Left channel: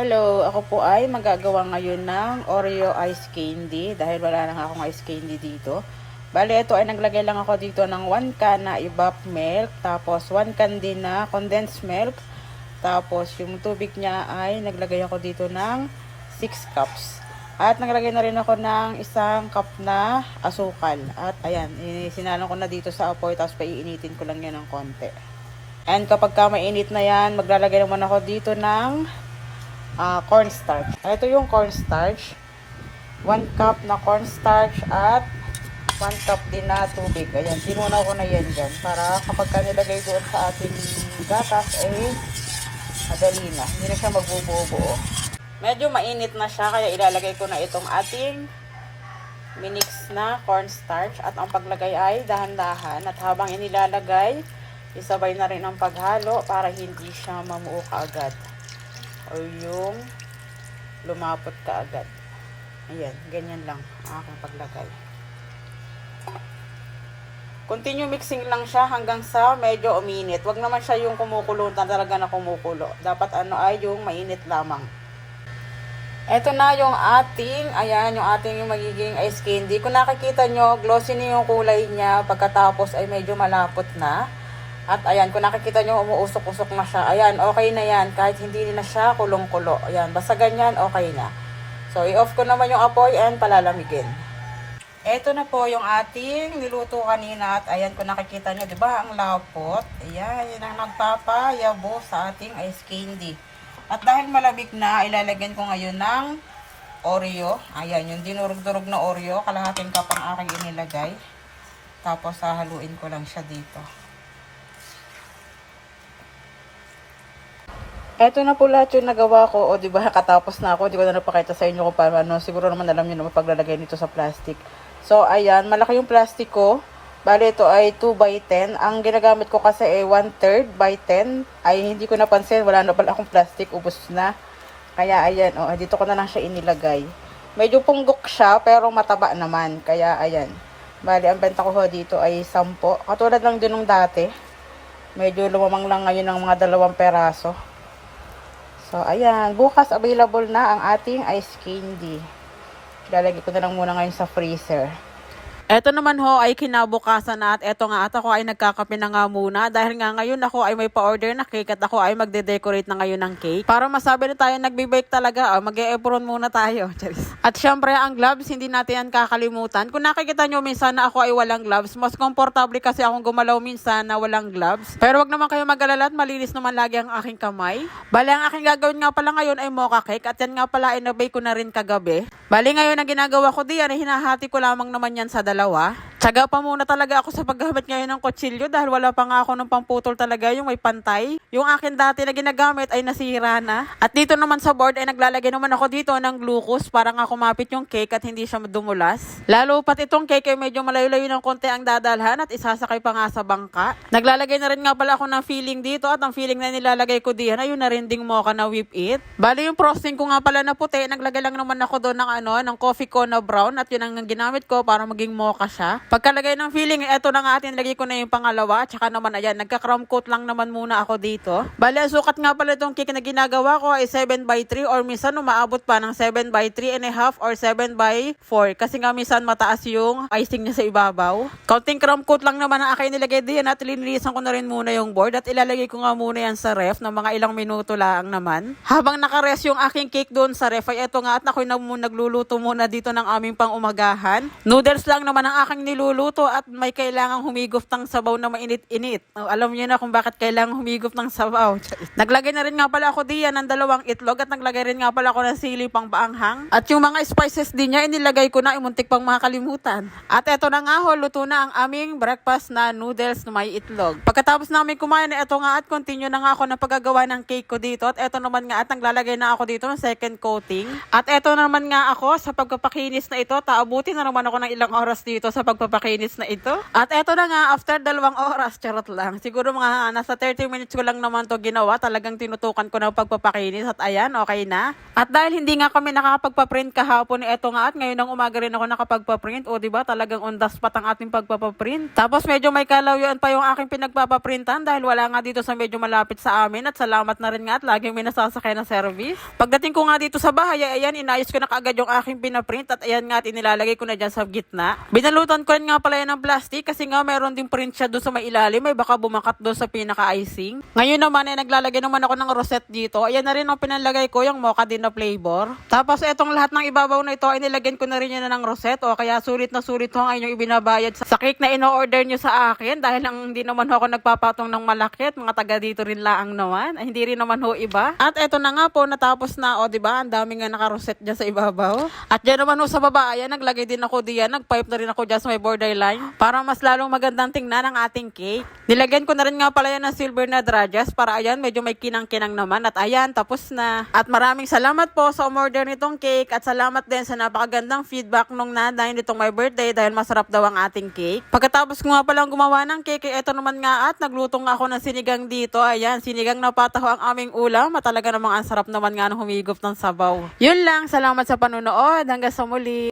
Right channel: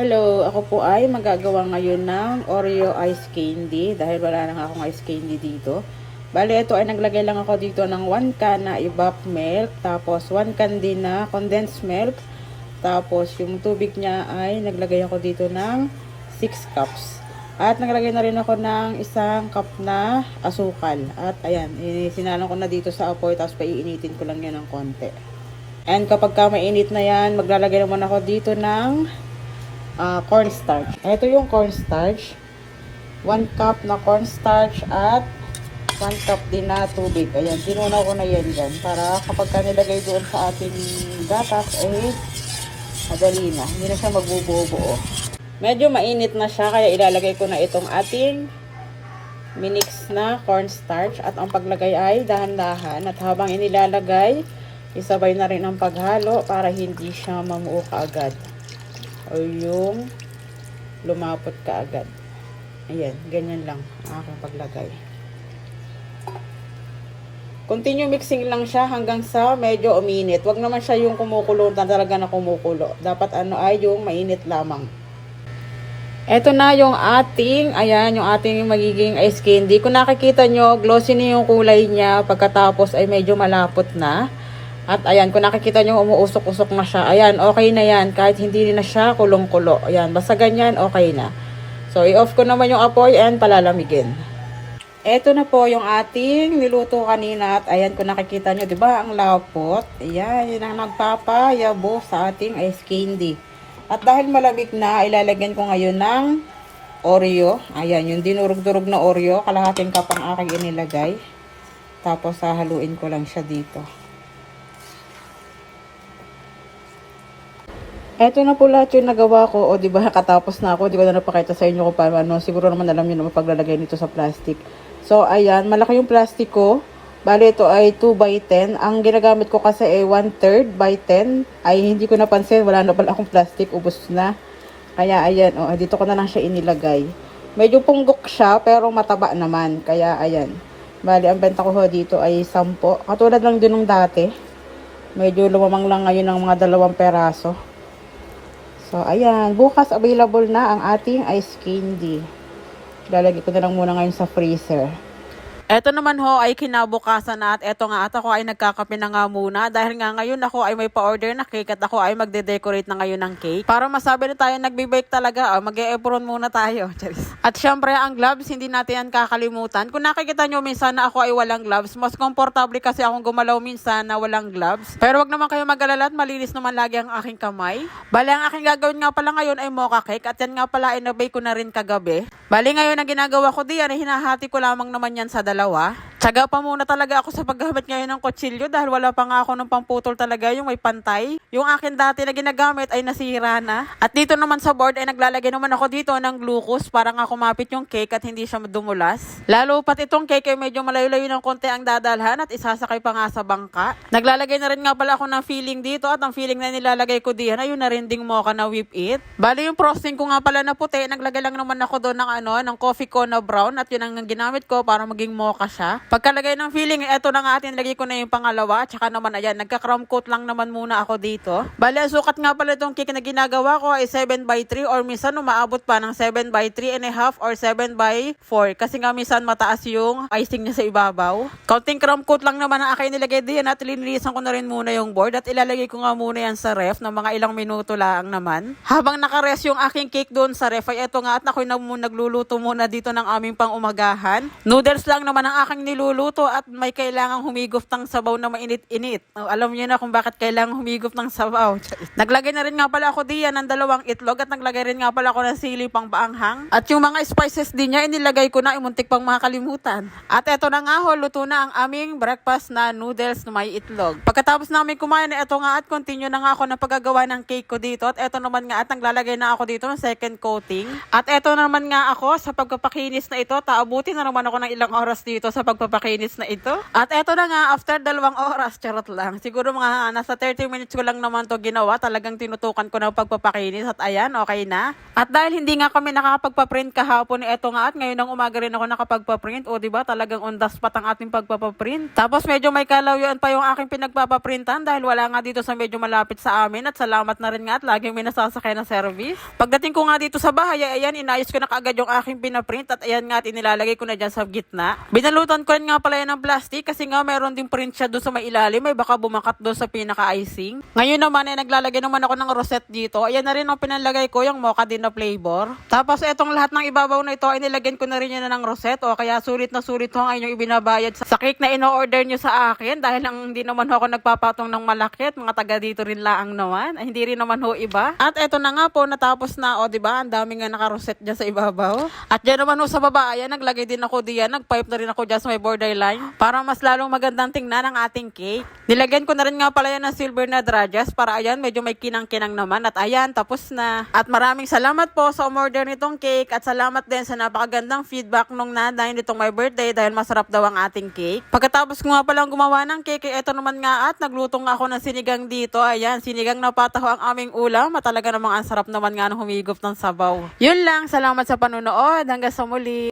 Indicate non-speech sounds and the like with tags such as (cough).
Hello, ako po ay magagawa ngayon ng Oreo ice candy dahil wala na nga akong ice candy dito. Bale, ito ay naglagay lang ako dito ng 1 can na evap milk, tapos 1 can din na condensed milk, tapos yung tubig niya ay naglagay ako dito ng 6 cups. At naglagay na rin ako ng isang cup na asukal. At ayan, sinalon ko na dito sa apoy, tapos paiinitin ko lang yan ng konti. And kapag ka mainit na yan, maglalagay naman ako dito ng ah, cornstarch. Ito yung cornstarch. 1 cup na cornstarch at 1 cup din na tubig. Ayan, tinunaw ko na yan dyan para kapag ka nilagay doon sa ating gatas, eh, madali na. Hindi na siya magbubuo-buo. Medyo mainit na siya, kaya ilalagay ko na itong ating minix na cornstarch at ang paglagay ay dahan-dahan at habang inilalagay, isabay na rin ang paghalo para hindi siya mamuo kaagad o yung lumapot ka agad. Ayan, ganyan lang ang aking paglagay. Continue mixing lang siya hanggang sa medyo uminit. Huwag naman siya yung kumukulo na talaga na kumukulo. Dapat ano ay yung mainit lamang. Ito na yung ating, ayan, yung ating magiging ice candy. Kung nakikita nyo, glossy na yung kulay niya. Pagkatapos ay medyo malapot na. At ayan, kung nakikita nyo, umuusok-usok na siya. Ayan, okay na yan. Kahit hindi na siya kulong-kulo. Ayan, basta ganyan, okay na. So, i-off ko naman yung apoy and palalamigin. Ito na po yung ating niluto kanina. At ayan, kung nakikita nyo, di ba, ang lapot. Ayan, yun ang nagpapayabo sa ating ice candy. At dahil malamig na, ilalagyan ko ngayon ng Oreo. Ayan, yung dinurog-durog na Oreo. Kalahating cup ang aking inilagay. Tapos, hahaluin ko lang siya dito. Eto na po lahat yung nagawa ko. O, di ba, katapos na ako. Di ko na napakita sa inyo kung paano. Siguro naman alam nyo naman paglalagay nito sa plastic. So, ayan. Malaki yung plastic ko. Bali, ito ay 2 by 10. Ang ginagamit ko kasi ay 1 third by 10. Ay, hindi ko napansin. Wala na pala akong plastic. Ubus na. Kaya, ayan. O, dito ko na lang siya inilagay. Medyo punggok siya, pero mataba naman. Kaya, ayan. Bali, ang benta ko dito ay 10. Katulad lang din ng dati. Medyo lumamang lang ngayon ng mga dalawang peraso. So, ayan. Bukas available na ang ating ice candy. Lalagay ko na lang muna ngayon sa freezer. Eto naman ho ay kinabukasan na at eto nga at ako ay nagkakape na nga muna dahil nga ngayon ako ay may pa-order na cake at ako ay magde-decorate na ngayon ng cake. Para masabi na tayo nagbe-bake talaga, oh, mag-e-apron muna tayo. (laughs) Charis. At syempre ang gloves, hindi natin yan kakalimutan. Kung nakikita nyo minsan na ako ay walang gloves, mas komportable kasi akong gumalaw minsan na walang gloves. Pero wag naman kayo mag-alala at malinis naman lagi ang aking kamay. Bali ang aking gagawin nga pala ngayon ay mocha cake at yan nga pala ay nabake ko na rin kagabi. Bali ngayon ang ginagawa ko diyan hinahati ko lamang naman yan sa dalawa. Tsaga pa muna talaga ako sa paggamit ngayon ng kutsilyo dahil wala pa nga ako ng pamputol talaga yung may pantay. Yung akin dati na ginagamit ay nasira na. At dito naman sa board ay naglalagay naman ako dito ng glucose para nga kumapit yung cake at hindi siya dumulas. Lalo pat itong cake ay medyo malayo-layo ng konti ang dadalhan at isasakay pa nga sa bangka. Naglalagay na rin nga pala ako ng filling dito at ang filling na nilalagay ko diyan ay yung narinding mocha na whip it. Bali yung frosting ko nga pala na puti, naglagay lang naman ako doon ng ano, ng coffee ko na brown at yun ang ginamit ko para maging mocha siya. Pagkalagay ng filling, eto na nga atin, lagay ko na yung pangalawa. Tsaka naman, ayan, nagka-crumb coat lang naman muna ako dito. Ang sukat nga pala itong cake na ginagawa ko ay 7 by 3 or minsan umaabot pa ng 7 by 3 and a half or 7 by 4. Kasi nga minsan mataas yung icing niya sa ibabaw. Counting crumb coat lang naman ang aking nilagay diyan at linilisan ko na rin muna yung board at ilalagay ko nga muna yan sa ref ng mga ilang minuto lang naman. Habang nakares yung aking cake doon sa ref ay eto nga at ako'y nag nagluluto muna dito ng aming pang umagahan. Noodles lang naman ang aking niluluto at may kailangang humigop ng sabaw na mainit-init. Oh, alam niyo na kung bakit kailangang humigop ng sabaw. (laughs) Naglagay na rin nga pala ako diyan ng dalawang itlog at naglagay rin nga pala ako ng sili pang baanghang. At yung mga spices din niya, inilagay ko na, imuntik pang makakalimutan. At eto na nga ho, luto na ang aming breakfast na noodles na may itlog. Pagkatapos namin kumain, eto nga at continue na nga ako ng paggagawa ng cake ko dito. At eto naman nga at naglalagay na ako dito ng second coating. At eto naman nga ako sa pagpapakinis na ito, taabutin na naman ako ng ilang oras dito sa pagpapakinis na ito. At eto na nga, after dalawang oras, charot lang. Siguro mga nasa 30 minutes ko lang naman to ginawa. Talagang tinutukan ko na pagpapakinis at ayan, okay na. At dahil hindi nga kami nakakapagpa-print kahapon, eto nga at ngayon ng umaga rin ako nakapagpa-print. O ba talagang on the spot ang ating pagpapaprint. Tapos medyo may kalawyan pa yung aking pinagpapaprintan dahil wala nga dito sa medyo malapit sa amin at salamat na rin nga at laging may nasasakay na service. Pagdating ko nga dito sa bahay, ay ayan, inayos ko na kaagad yung aking pinaprint at ayan nga at inilalagay ko na dyan sa gitna. Binalutan ko nga pala yan ng plastic kasi nga meron din print siya doon sa may ilalim, may baka bumakat doon sa pinaka-icing. Ngayon naman ay naglalagay naman ako ng rosette dito. Ayan na rin ang pinalagay ko yung mocha din na flavor. Tapos etong lahat ng ibabaw na ito ay nilagyan ko na rin yan ng rosette o kaya sulit na sulit ho ang inyong ibinabayad sa, cake na ino-order nyo sa akin dahil ang hindi naman ako nagpapatong ng malaki at mga taga dito rin laang naman. Ay, hindi rin naman ho iba. At eto na nga po, natapos na o, di ba? Ang dami nga naka-rosette dyan sa ibabaw. At dyan naman ho sa baba, ayan, naglagay din ako diyan. Nag-pipe na rin ako dyan sa may borderline para mas lalong magandang tingnan ang ating cake. Nilagyan ko na rin nga pala yan ng silver na drajas para ayan, medyo may kinang-kinang naman. At ayan, tapos na. At maraming salamat po sa umorder nitong cake at salamat din sa napakagandang feedback nung nanay nitong my birthday dahil masarap daw ang ating cake. Pagkatapos ko nga palang gumawa ng cake, eh, eto naman nga at nagluto nga ako ng sinigang dito. Ayan, sinigang na pataho ang aming ulam. At talaga namang ang sarap naman nga ng humigop ng sabaw. Yun lang, salamat sa panunood. Hanggang sa muli.